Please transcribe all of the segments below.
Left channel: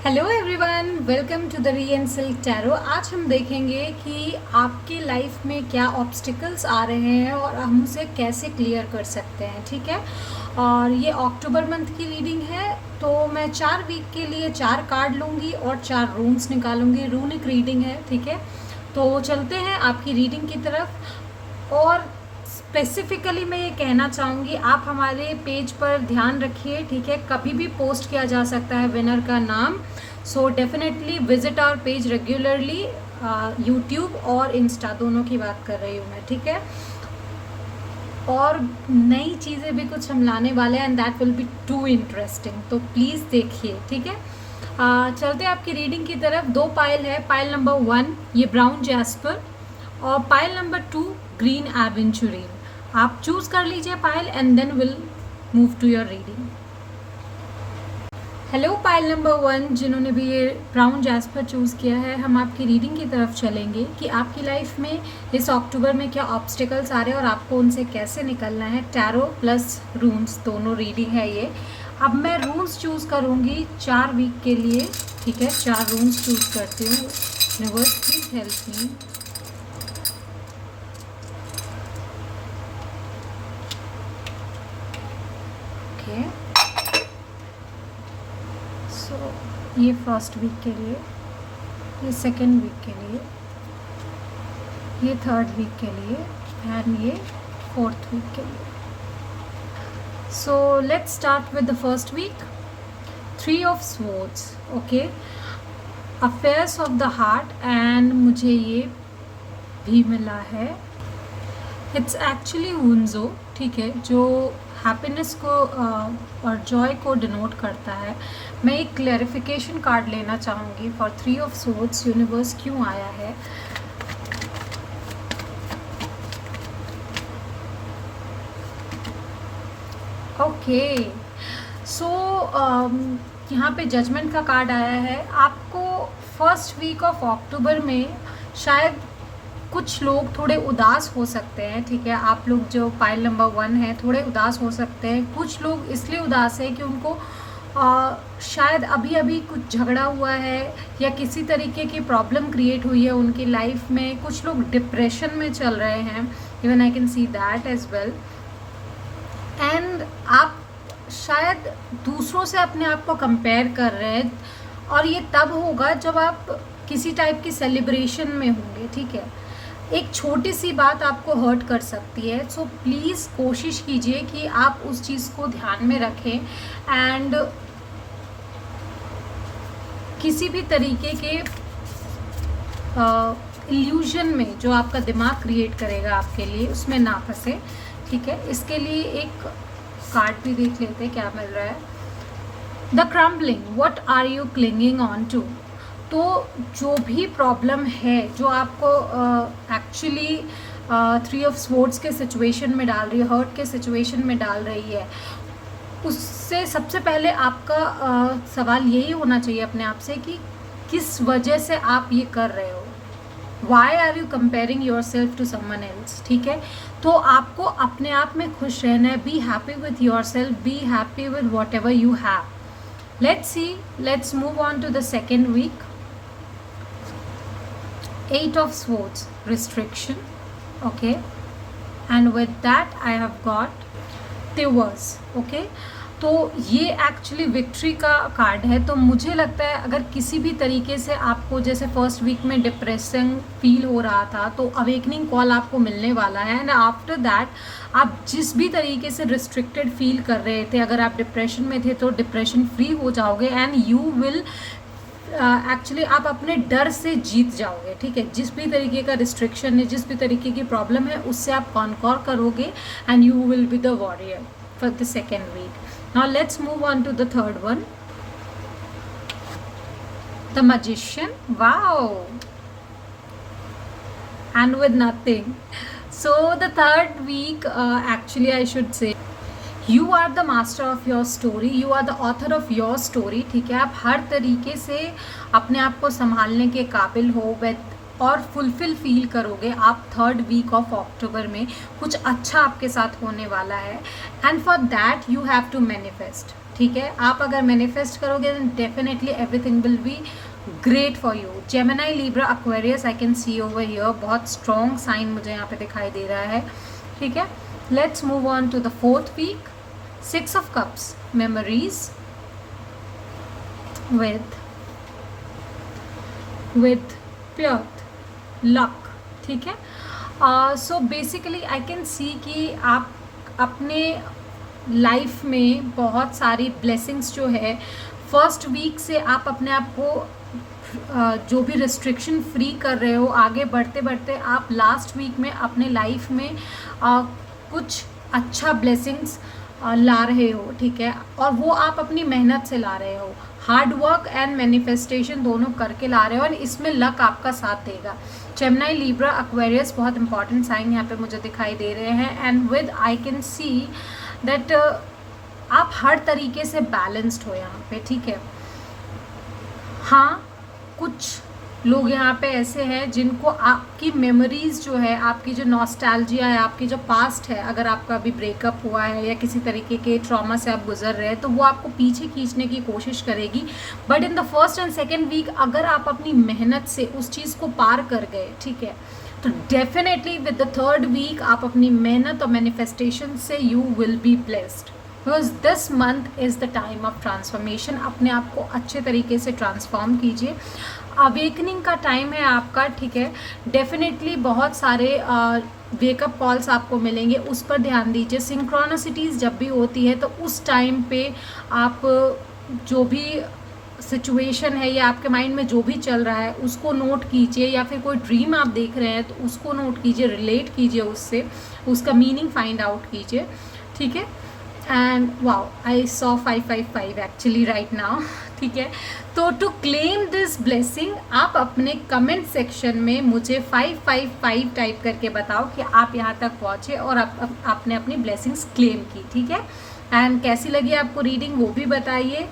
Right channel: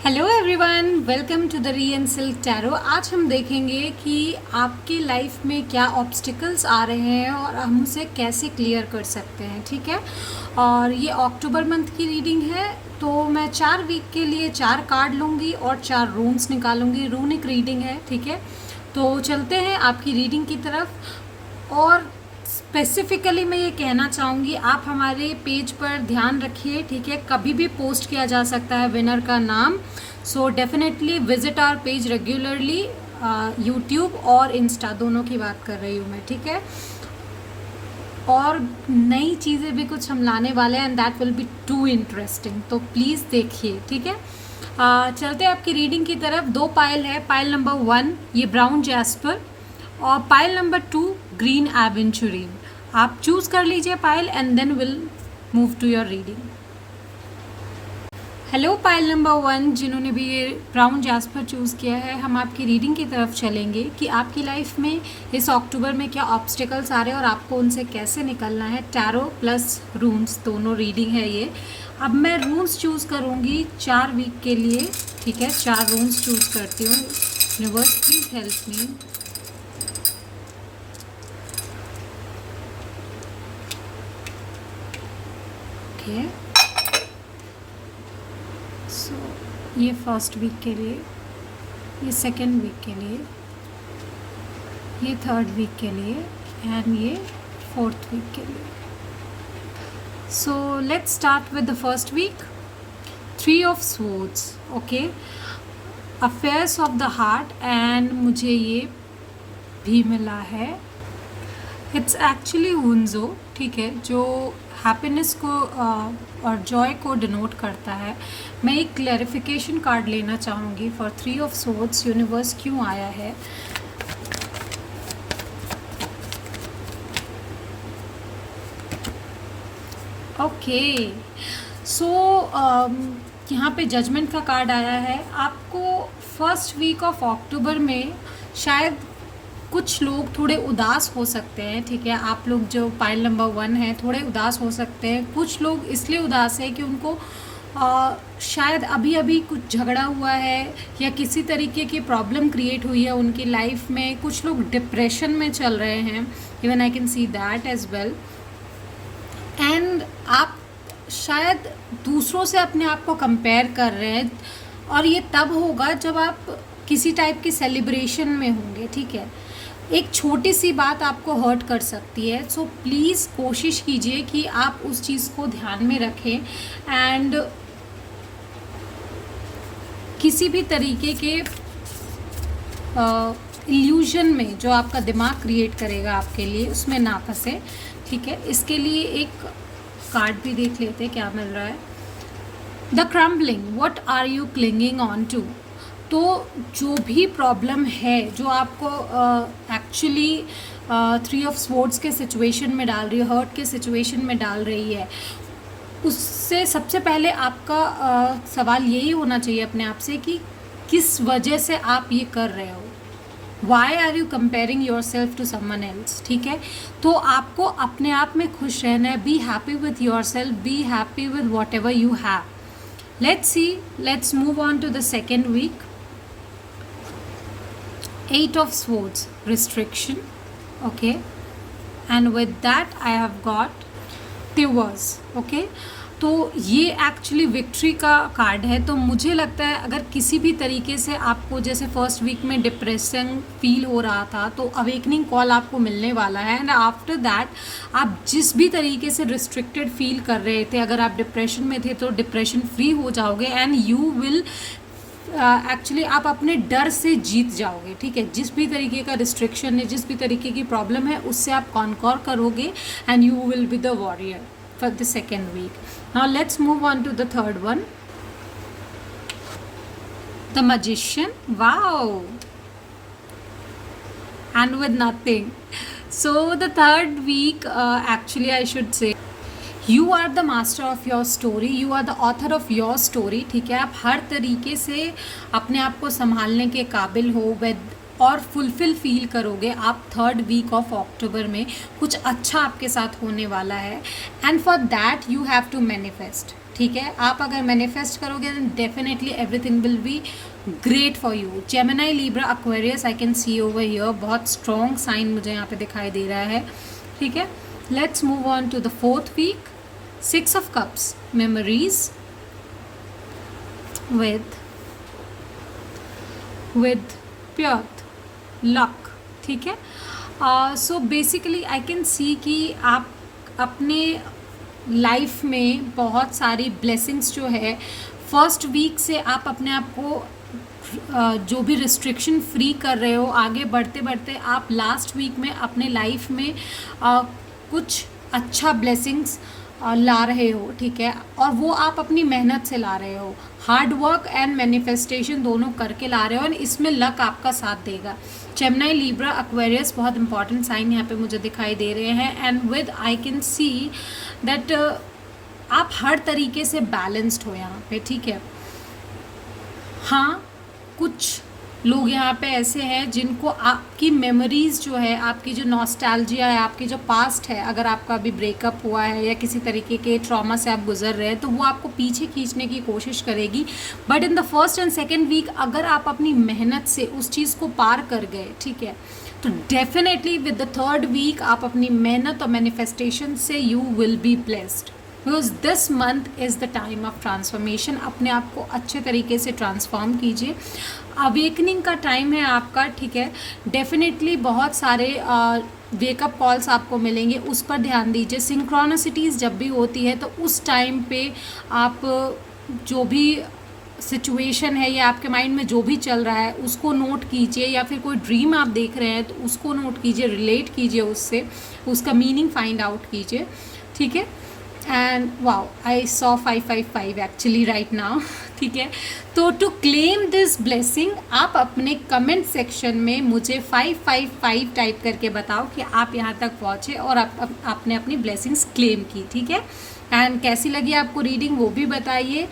Hello everyone, welcome to the री and silk tarot. आज हम देखेंगे कि आपकी लाइफ में क्या ऑब्स्टिकल्स आ रहे हैं और हम उसे कैसे क्लियर कर सकते हैं। ठीक है, और ये अक्टूबर मंथ की रीडिंग है, तो मैं 4 वीक के लिए 4 कार्ड लूँगी और 4 रून्स निकालूंगी। रूनिक रीडिंग है, ठीक है। तो चलते हैं आपकी रीडिंग की तरफ। और स्पेसिफिकली मैं ये कहना चाहूँगी, आप हमारे पेज पर ध्यान रखिए, ठीक है। कभी भी पोस्ट किया जा सकता है विनर का नाम। So definitely visit our page regularly. YouTube और इंस्टा दोनों की बात कर रही हूँ मैं, ठीक है। और नई चीज़ें भी कुछ हम लाने वाले हैं and that will be too interesting, तो प्लीज़ देखिए, ठीक है। चलते हैं आपकी रीडिंग की तरफ। 2 पायल है। पायल नंबर 1 ये ब्राउन जैस्पर और पायल नंबर 2 ग्रीन एवेंचुरीन। आप चूज कर लीजिए pile and then will move to your reading. Hello pile number 1, जिन्होंने भी ये ब्राउन जैस्पर चूज़ किया है, हम आपकी रीडिंग की तरफ चलेंगे कि आपकी लाइफ में इस अक्टूबर में क्या ऑब्स्टिकल्स आ रहे हैं और आपको उनसे कैसे निकलना है। टैरो प्लस रून्स दोनों रीडिंग है ये। अब मैं रून्स चूज़ करूँगी 4 वीक के लिए, ठीक है। 4 रून्स चूज़ करती हूँ। Universe please help me. Okay, so ये फर्स्ट वीक के लिए, ये सेकेंड वीक के लिए, ये थर्ड वीक के लिए एंड ये फोर्थ वीक के लिए। So let's start with the first week. 3 of swords, okay, affairs of the heart, and मुझे ये भी मिला है। इट्स एक्चुअली वुंजो, ठीक है, जो हैप्पीनेस को और जॉय को डिनोट करता है। मैं एक क्लैरिफिकेशन कार्ड लेना चाहूँगी फॉर 3 ऑफ स्वॉर्ड्स। यूनिवर्स क्यों आया है? ओके, सो यहाँ पे जजमेंट का कार्ड आया है। आपको फर्स्ट वीक ऑफ अक्टूबर में शायद कुछ लोग थोड़े उदास हो सकते हैं, ठीक है। आप लोग जो पाइल नंबर 1 है थोड़े उदास हो सकते हैं। कुछ लोग इसलिए उदास है कि उनको शायद अभी अभी कुछ झगड़ा हुआ है या किसी तरीके की प्रॉब्लम क्रिएट हुई है उनकी लाइफ में। कुछ लोग डिप्रेशन में चल रहे हैं, even I can see that as well. And आप शायद दूसरों से अपने आप को कंपेयर कर रहे हैं, और ये तब होगा जब आप किसी टाइप की सेलिब्रेशन में होंगे, ठीक है। एक छोटी सी बात आपको हर्ट कर सकती है, सो प्लीज़ कोशिश कीजिए कि आप उस चीज़ को ध्यान में रखें एंड किसी भी तरीके के इल्यूजन में जो आपका दिमाग क्रिएट करेगा आपके लिए, उसमें ना फंसे, ठीक है। इसके लिए एक कार्ड भी देख लेते हैं क्या मिल रहा है। The crumbling, what are you clinging on to. तो जो भी प्रॉब्लम है जो आपको एक्चुअली 3 ऑफ स्वॉर्ड्स के सिचुएशन में डाल रही है, हर्ट के सिचुएशन में डाल रही है, उससे सबसे पहले आपका सवाल यही होना चाहिए अपने आप से कि किस वजह से आप ये कर रहे हो। Why are you comparing yourself to someone else, ठीक है। तो आपको अपने आप में खुश रहना है। Be happy with yourself, be happy with whatever you have. Let's see, let's move on to the second week. 8 of Swords, restriction, okay, and with that I have got Tears, okay। तो ये actually victory का card है। तो मुझे लगता है अगर किसी भी तरीके से आपको जैसे फर्स्ट वीक में डिप्रेशन फील हो रहा था, तो अवेकनिंग कॉल आपको मिलने वाला है एंड आफ्टर दैट आप जिस भी तरीके से रिस्ट्रिक्टेड फील कर रहे थे, अगर आप डिप्रेशन में थे तो डिप्रेशन फ्री हो जाओगे एंड यू विल एक्चुअली आप अपने डर से जीत जाओगे, ठीक है। जिस भी तरीके का रिस्ट्रिक्शन है, जिस भी तरीके की प्रॉब्लम है, उससे आप कॉन्कॉर करोगे and you will be the warrior for the second week. Now let's move on to the third one, the magician. Wow, and with nothing. So the third week, actually I should say you are the master of your story, you are the author of your story, ठीक है। आप हर तरीके से अपने आप को संभालने के काबिल हो और फुलफिल फील करोगे आप। थर्ड वीक ऑफ अक्टूबर में कुछ अच्छा आपके साथ होने वाला है and for that you have to manifest, ठीक है। आप अगर मैनिफेस्ट करोगे then definitely everything will be great for you. Gemini, Libra, Aquarius I can see over here, बहुत स्ट्रॉन्ग साइन मुझे यहाँ पे दिखाई दे रहा है, ठीक है। Let's move on to the fourth week. 6 of cups, memories with pure luck, ठीक है। So basically I can see कि आप अपने लाइफ में बहुत सारी ब्लेसिंग्स जो है फर्स्ट वीक से आप अपने आप को जो भी रिस्ट्रिक्शन फ्री कर रहे हो, आगे बढ़ते बढ़ते आप लास्ट वीक में अपने लाइफ में कुछ अच्छा ब्लेसिंग्स ला रहे हो, ठीक है। और वो आप अपनी मेहनत से ला रहे हो, हार्ड वर्क एंड मैनिफेस्टेशन दोनों करके ला रहे हो, और इसमें लक आपका साथ देगा। जेमिनी, लिब्रा, एक्वेरियस बहुत इंपॉर्टेंट साइन यहाँ पे मुझे दिखाई दे रहे हैं। And with I can see that आप हर तरीके से बैलेंस्ड हो यहाँ पे, ठीक है। हाँ, कुछ लोग यहाँ पे ऐसे हैं जिनको आपकी मेमोरीज जो है, आपकी जो नॉस्टैल्जिया है, आपकी जो पास्ट है, अगर आपका अभी ब्रेकअप हुआ है या किसी तरीके के ट्रॉमा से आप गुजर रहे हैं, तो वो आपको पीछे खींचने की कोशिश करेगी। But in the first and second week अगर आप अपनी मेहनत से उस चीज़ को पार कर गए, ठीक है, तो definitely with the third week आप अपनी मेहनत और मैनिफेस्टेशन से you will be blessed, because this month is the time of transformation. अपने आप को अच्छे तरीके से ट्रांसफॉर्म कीजिए, अवेकनिंग का टाइम है आपका, ठीक है। डेफिनेटली बहुत सारे वेकअप कॉल्स आपको मिलेंगे, उस पर ध्यान दीजिए। सिंक्रोनिसिटीज़ जब भी होती है तो उस टाइम पे आप जो भी सिचुएशन है या आपके माइंड में जो भी चल रहा है उसको नोट कीजिए, या फिर कोई ड्रीम आप देख रहे हैं तो उसको नोट कीजिए, रिलेट कीजिए उससे, उसका मीनिंग फाइंड आउट कीजिए, ठीक है। And wow, I saw 555 actually right now, ठीक है। तो टू क्लेम दिस ब्लेसिंग आप अपने कमेंट सेक्शन में मुझे 555 टाइप करके बताओ कि आप यहाँ तक पहुँचे और आपने अपनी ब्लेसिंग्स क्लेम की, ठीक है। एंड कैसी लगी आपको रीडिंग वो भी बताइए।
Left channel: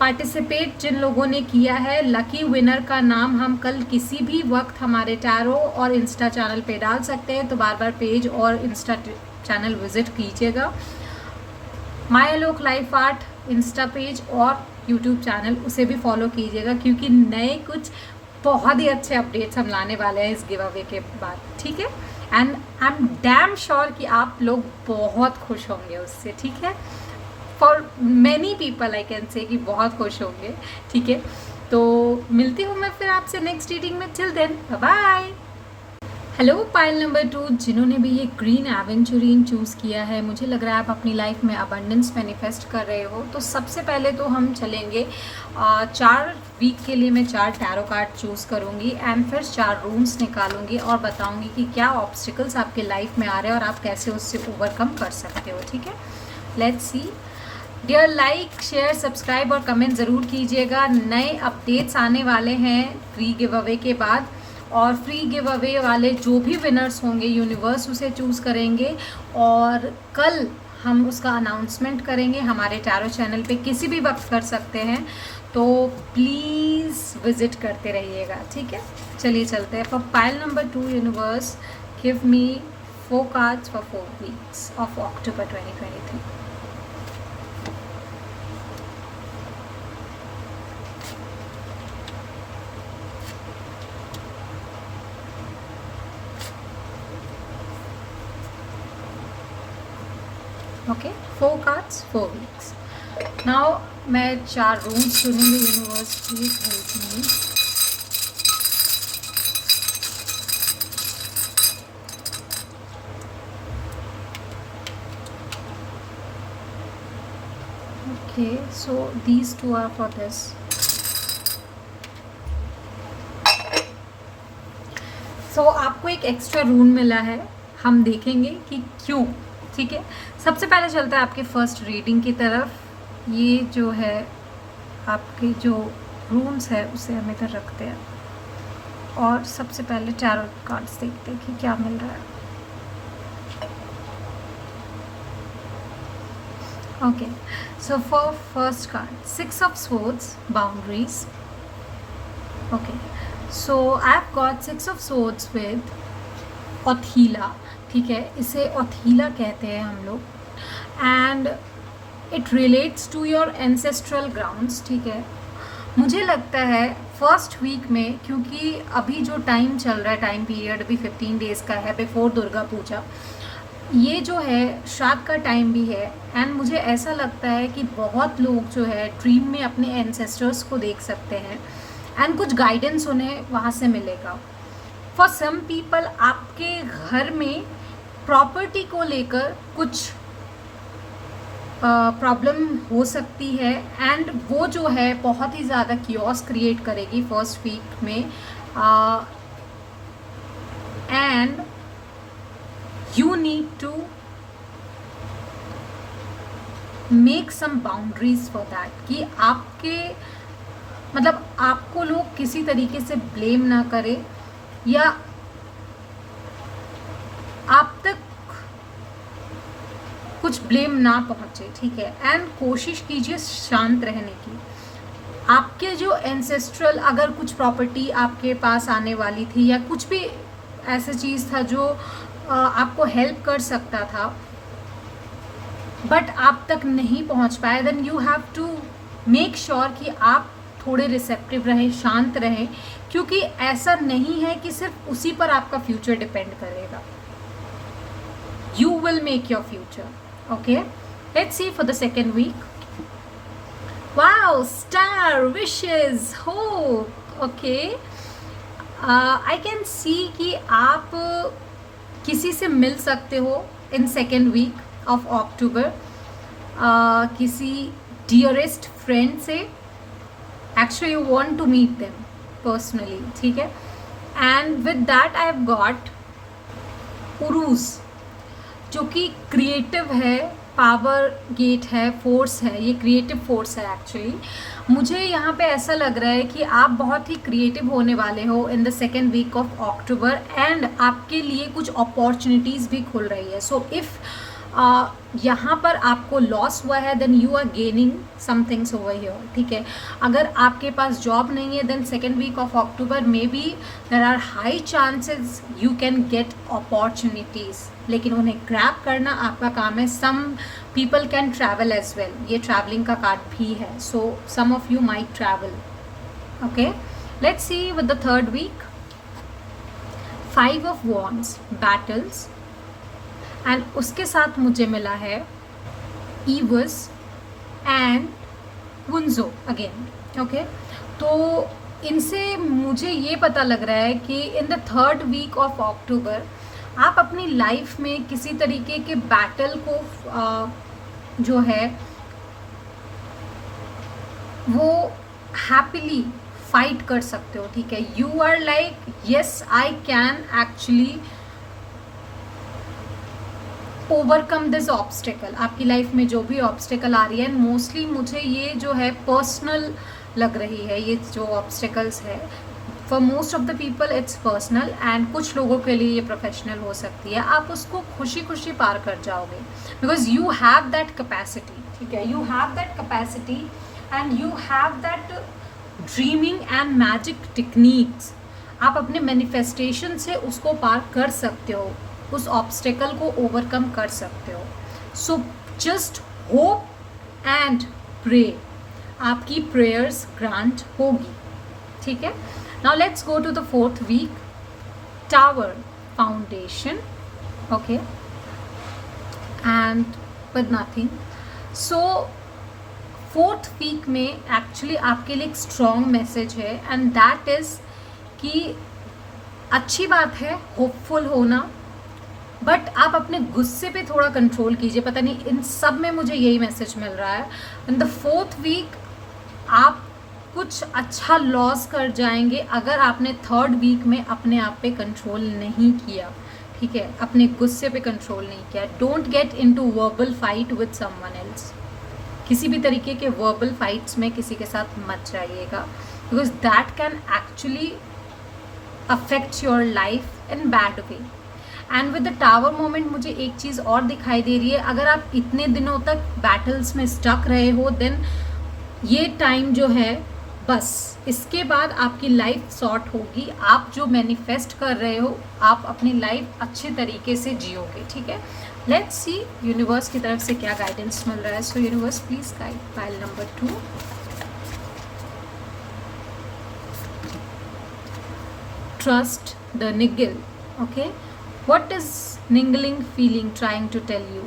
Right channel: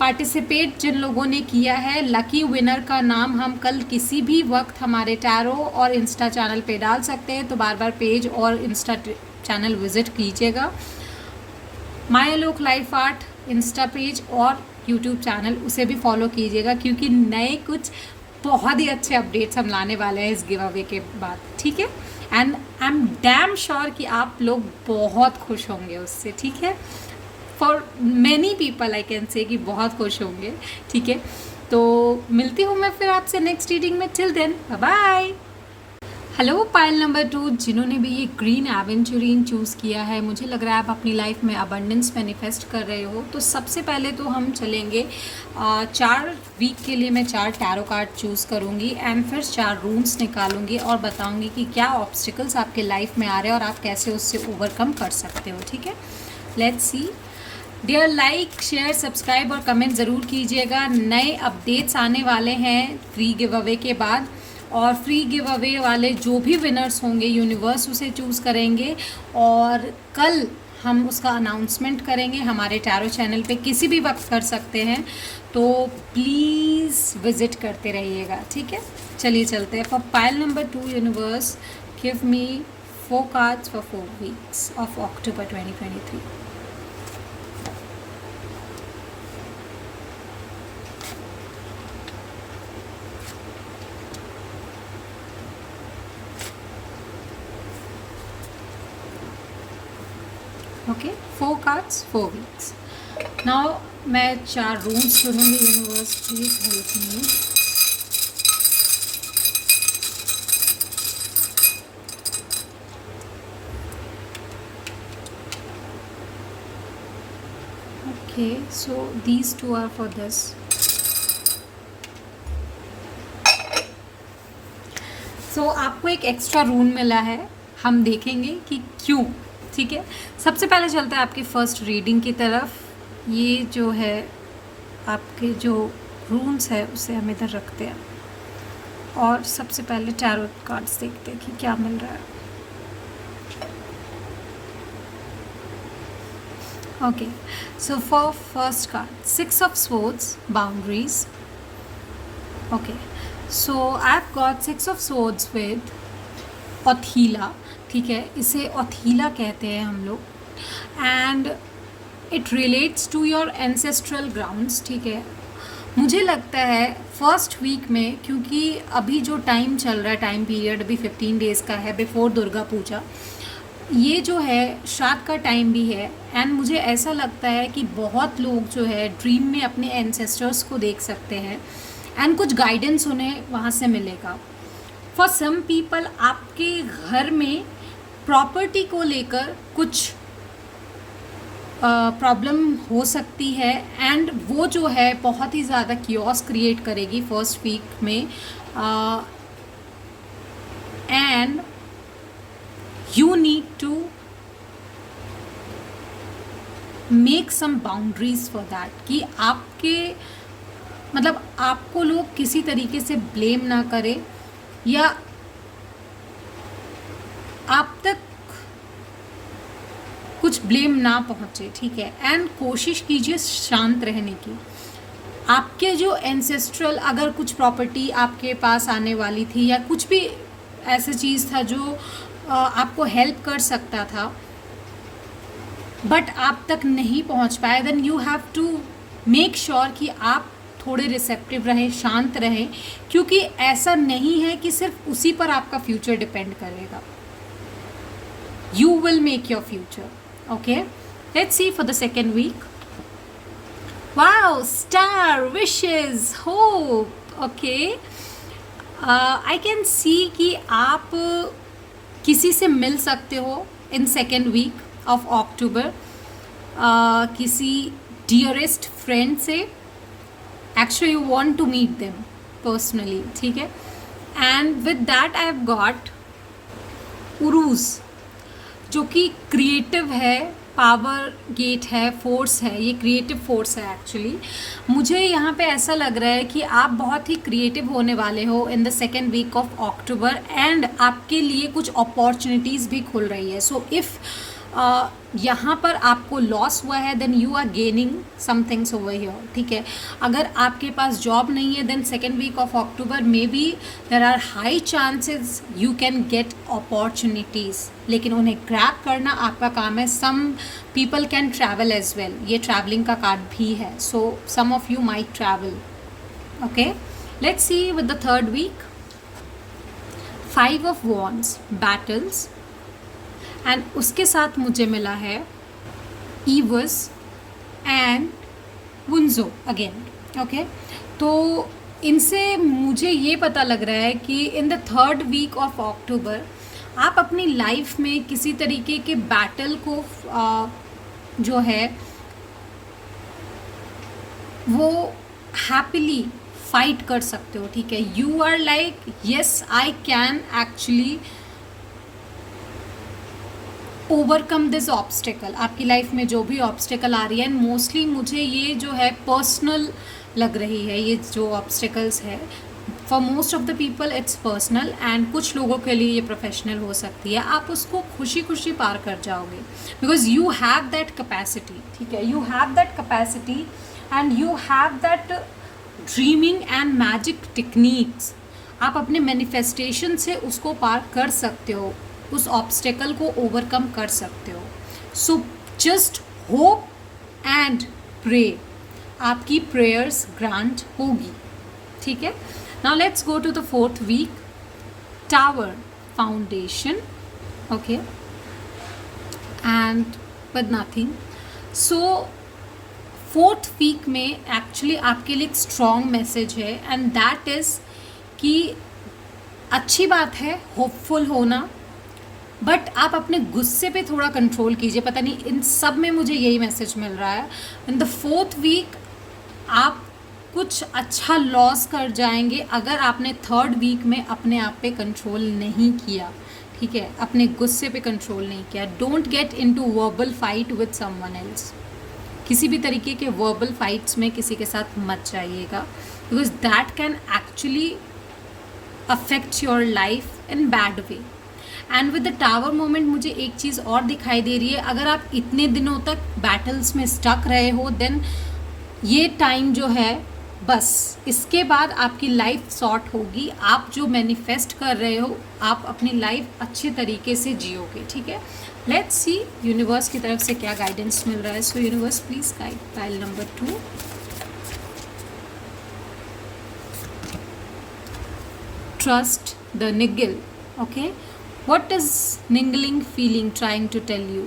पार्टिसिपेट जिन लोगों ने किया है, लकी विनर का नाम हम कल किसी भी वक्त हमारे टैरो और इंस्टा चैनल पे डाल सकते हैं, तो बार बार पेज और इंस्टा चैनल विजिट कीजिएगा। My Alok life art Insta page और यूट्यूब चैनल उसे भी फॉलो कीजिएगा, क्योंकि नए कुछ बहुत ही अच्छे अपडेट्स हम लाने वाले हैं इस गिव अवे के बाद, ठीक है। And I am damn sure कि आप लोग बहुत खुश होंगे उससे, ठीक है। For many people I can say कि बहुत खुश होंगे, ठीक है। तो मिलती हूँ मैं फिर आपसे नेक्स्ट रीडिंग में। Till then bye bye. Hello pile number 2, जिन्होंने भी ये ग्रीन एवेंचुरीन चूज़ किया है, मुझे लग रहा है आप अपनी लाइफ में अबंडेंस मैनिफेस्ट कर रहे हो। तो सबसे पहले तो हम चलेंगे 4 वीक के लिए मैं 4 टैरो कार्ड चूज़ करूँगी एंड फिर 4 रूम्स निकालूंगी और बताऊँगी कि क्या ऑब्स्टिकल्स आपके लाइफ में आ रहे हैं और आप कैसे उससे ओवरकम कर सकते हो, ठीक है। Let's see dear, like share subscribe और कमेंट ज़रूर कीजिएगा। नए अपडेट्स आने वाले हैं फ्री गिव अवे के बाद, और फ्री गिव अवे वाले जो भी विनर्स होंगे यूनिवर्स उसे चूज़ करेंगे और कल हम उसका अनाउंसमेंट करेंगे हमारे टैरो चैनल पे, किसी भी वक्त कर सकते हैं, तो प्लीज़ विज़िट करते रहिएगा, ठीक है। चलिए चलते हैं। For pile number 2 universe give me 4 cards for 4 weeks of October 2023। Okay, 4 cards 4 weeks. Now मैं 4 रूम्स चुनूँगी। Universe please help me. Okay, so these 2 are for this. So आपको एक एक्स्ट्रा रूम मिला है, हम देखेंगे कि क्यों, ठीक है। सबसे पहले चलते हैं आपके फर्स्ट रीडिंग की तरफ। ये जो है आपके जो रूम्स है उसे हम इधर रखते हैं और सबसे पहले टैरो कार्ड्स देखते हैं कि क्या मिल रहा है। Okay, so for first card 6 of swords, boundaries. Okay, so I have got 6 of swords with Othila, ठीक है, इसे ओथीला कहते हैं हम लोग। And it relates to your ancestral grounds, ठीक है। मुझे लगता है फर्स्ट वीक में, क्योंकि अभी जो टाइम चल रहा है, टाइम पीरियड अभी 15 डेज़ का है बिफोर दुर्गा पूजा, ये जो है श्राद्ध का टाइम भी है। एंड मुझे ऐसा लगता है कि बहुत लोग जो है ड्रीम में अपने एंसेस्टर्स को देख सकते हैं एंड कुछ गाइडेंस उन्हें वहाँ से मिलेगा। फॉर सम पीपल आपके घर में प्रॉपर्टी को लेकर कुछ प्रॉब्लम हो सकती है एंड वो जो है बहुत ही ज़्यादा कियोस क्रिएट करेगी फर्स्ट वीक में। And you need to make some boundaries for that, कि आपके मतलब आपको लोग किसी तरीके से ब्लेम ना करें या आप तक कुछ ब्लेम ना पहुंचे, ठीक है। एंड कोशिश कीजिए शांत रहने की। आपके जो एंसेस्ट्रल अगर कुछ प्रॉपर्टी आपके पास आने वाली थी या कुछ भी ऐसा चीज़ था जो आपको हेल्प कर सकता था बट आप तक नहीं पहुंच पाए, then you have to make sure कि आप थोड़े रिसेप्टिव रहें, शांत रहें, क्योंकि ऐसा नहीं है कि सिर्फ उसी पर आपका फ्यूचर डिपेंड करेगा। You will make your future, okay. Let's see for the second week. Wow, star, wishes, hope, okay. I can see कि आप किसी से मिल सकते हो in second week of October, किसी डियरेस्ट फ्रेंड से। Actually you want to meet them personally, ठीक है। And with that I have got Uruz, जो कि क्रिएटिव है, पावर गेट है, फोर्स है, ये क्रिएटिव फोर्स है एक्चुअली। मुझे यहाँ पे ऐसा लग रहा है कि आप बहुत ही क्रिएटिव होने वाले हो in the second week of October and आपके लिए कुछ अपॉर्चुनिटीज़ भी खुल रही है। सो इफ़ यहाँ पर आपको लॉस हुआ है then you are gaining some things over here, ठीक है। अगर आपके पास जॉब नहीं है then second week of October may be there are high chances you can get opportunities, लेकिन उन्हें ग्रैब करना आपका काम है। Some people can travel as well, ये ट्रैवलिंग का कार्ड भी है, so some of you might travel, okay. Let's see with the third week. 5 of wands, battles, and उसके साथ मुझे मिला है Ehwaz and Wunjo again, okay. तो इनसे मुझे ये पता लग रहा है कि in the third week of October आप अपनी लाइफ में किसी तरीके के बैटल को जो है वो हैप्पीली फाइट कर सकते हो, ठीक है। You are like yes I can actually overcome this obstacle. आपकी लाइफ में जो भी ऑब्स्टिकल आ रही है, मोस्टली मुझे ये जो है पर्सनल लग रही है, ये जो ऑब्स्टिकल्स है for most of the people it's personal and कुछ लोगों के लिए ये प्रोफेशनल हो सकती है। आप उसको खुशी खुशी पार कर जाओगे because you have that capacity, ठीक है। You have that capacity and you have that dreaming and magic techniques. आप अपने मैनिफेस्टेशन से उसको पार कर सकते हो, उस ऑब्स्टेकल को ओवरकम कर सकते हो। So just hope and pray, आपकी प्रेयर्स ग्रांट होगी, ठीक है। Now let's go to the fourth week. Tower, foundation, okay, and with nothing. So fourth week में एक्चुअली आपके लिए एक स्ट्रॉन्ग मैसेज है एंड दैट इज़ कि अच्छी बात है होपफुल होना, बट आप अपने गुस्से पे थोड़ा कंट्रोल कीजिए। पता नहीं इन सब में मुझे यही मैसेज मिल रहा है। इन द फोर्थ वीक आप कुछ अच्छा लॉस कर जाएंगे अगर आपने थर्ड वीक में अपने आप पे कंट्रोल नहीं किया, ठीक है, अपने गुस्से पे कंट्रोल नहीं किया। Don't get into verbal fight with someone else. किसी भी तरीके के वर्बल फाइट्स में किसी के साथ मत जाइएगा because that can actually affect your life in bad way. And with the tower moment मुझे एक चीज़ और दिखाई दे रही है, अगर आप इतने दिनों तक बैटल्स में स्टक रहे हो देन ये टाइम जो है बस इसके बाद आपकी लाइफ सॉर्ट होगी। आप जो मैनिफेस्ट कर रहे हो आप अपनी लाइफ अच्छे तरीके से जियोगे, ठीक है। लेट्स सी यूनिवर्स की तरफ से क्या गाइडेंस मिल रहा है. सो universe please guide pile number 2. Trust the niggle. Okay, what is niggling feeling trying to tell you?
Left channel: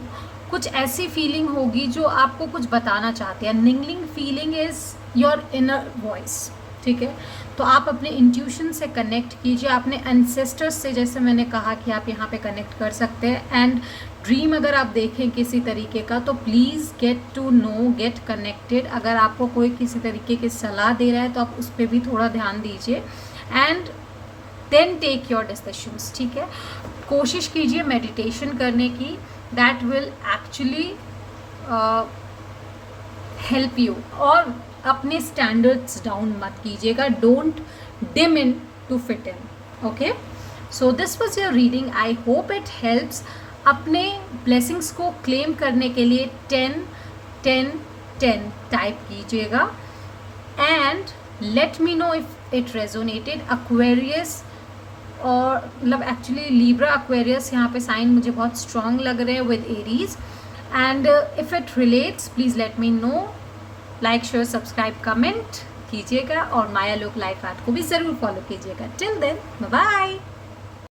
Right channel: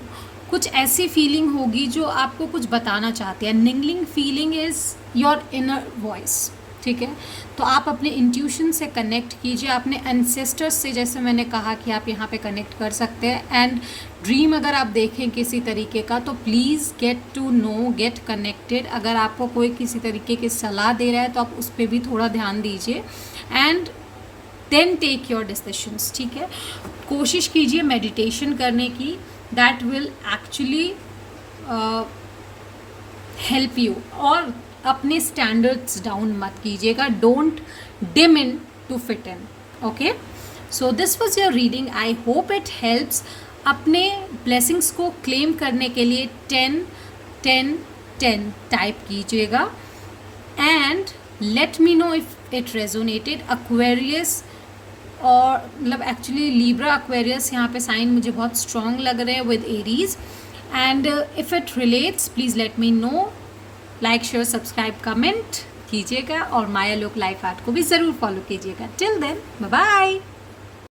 कुछ ऐसी फीलिंग होगी जो आपको कुछ बताना चाहती है. Niggling feeling is your inner voice. ठीक है, तो आप अपने इंट्यूशन से कनेक्ट कीजिए, अपने एंसेस्टर्स से, जैसे मैंने कहा कि आप यहाँ पे कनेक्ट कर सकते हैं. एंड ड्रीम अगर आप देखें किसी तरीके का तो please get to know, get connected. अगर आपको कोई किसी तरीके की सलाह दे रहा है तो आप उस पर भी थोड़ा ध्यान दीजिए. And then take your decisions. ठीक है, कोशिश कीजिए मेडिटेशन करने की. That will actually help you. और अपने स्टैंडर्ड्स डाउन मत कीजिएगा. Don't dim in to fit in. Okay, so this was your reading. I hope it helps. अपने ब्लेसिंग्स को क्लेम करने के लिए 10 10 10 टाइप कीजिएगा. And let me know if it resonated. Aquarius और मतलब एक्चुअली लिब्रा एक्वेरियस यहाँ पे साइन मुझे बहुत स्ट्रॉन्ग लग रहे हैं with Aries. And if it relates please let me no. Like share subscribe comment कीजिएगा और माया लोक लाइफ आर्ट को भी ज़रूर फॉलो कीजिएगा. Till then bye bye.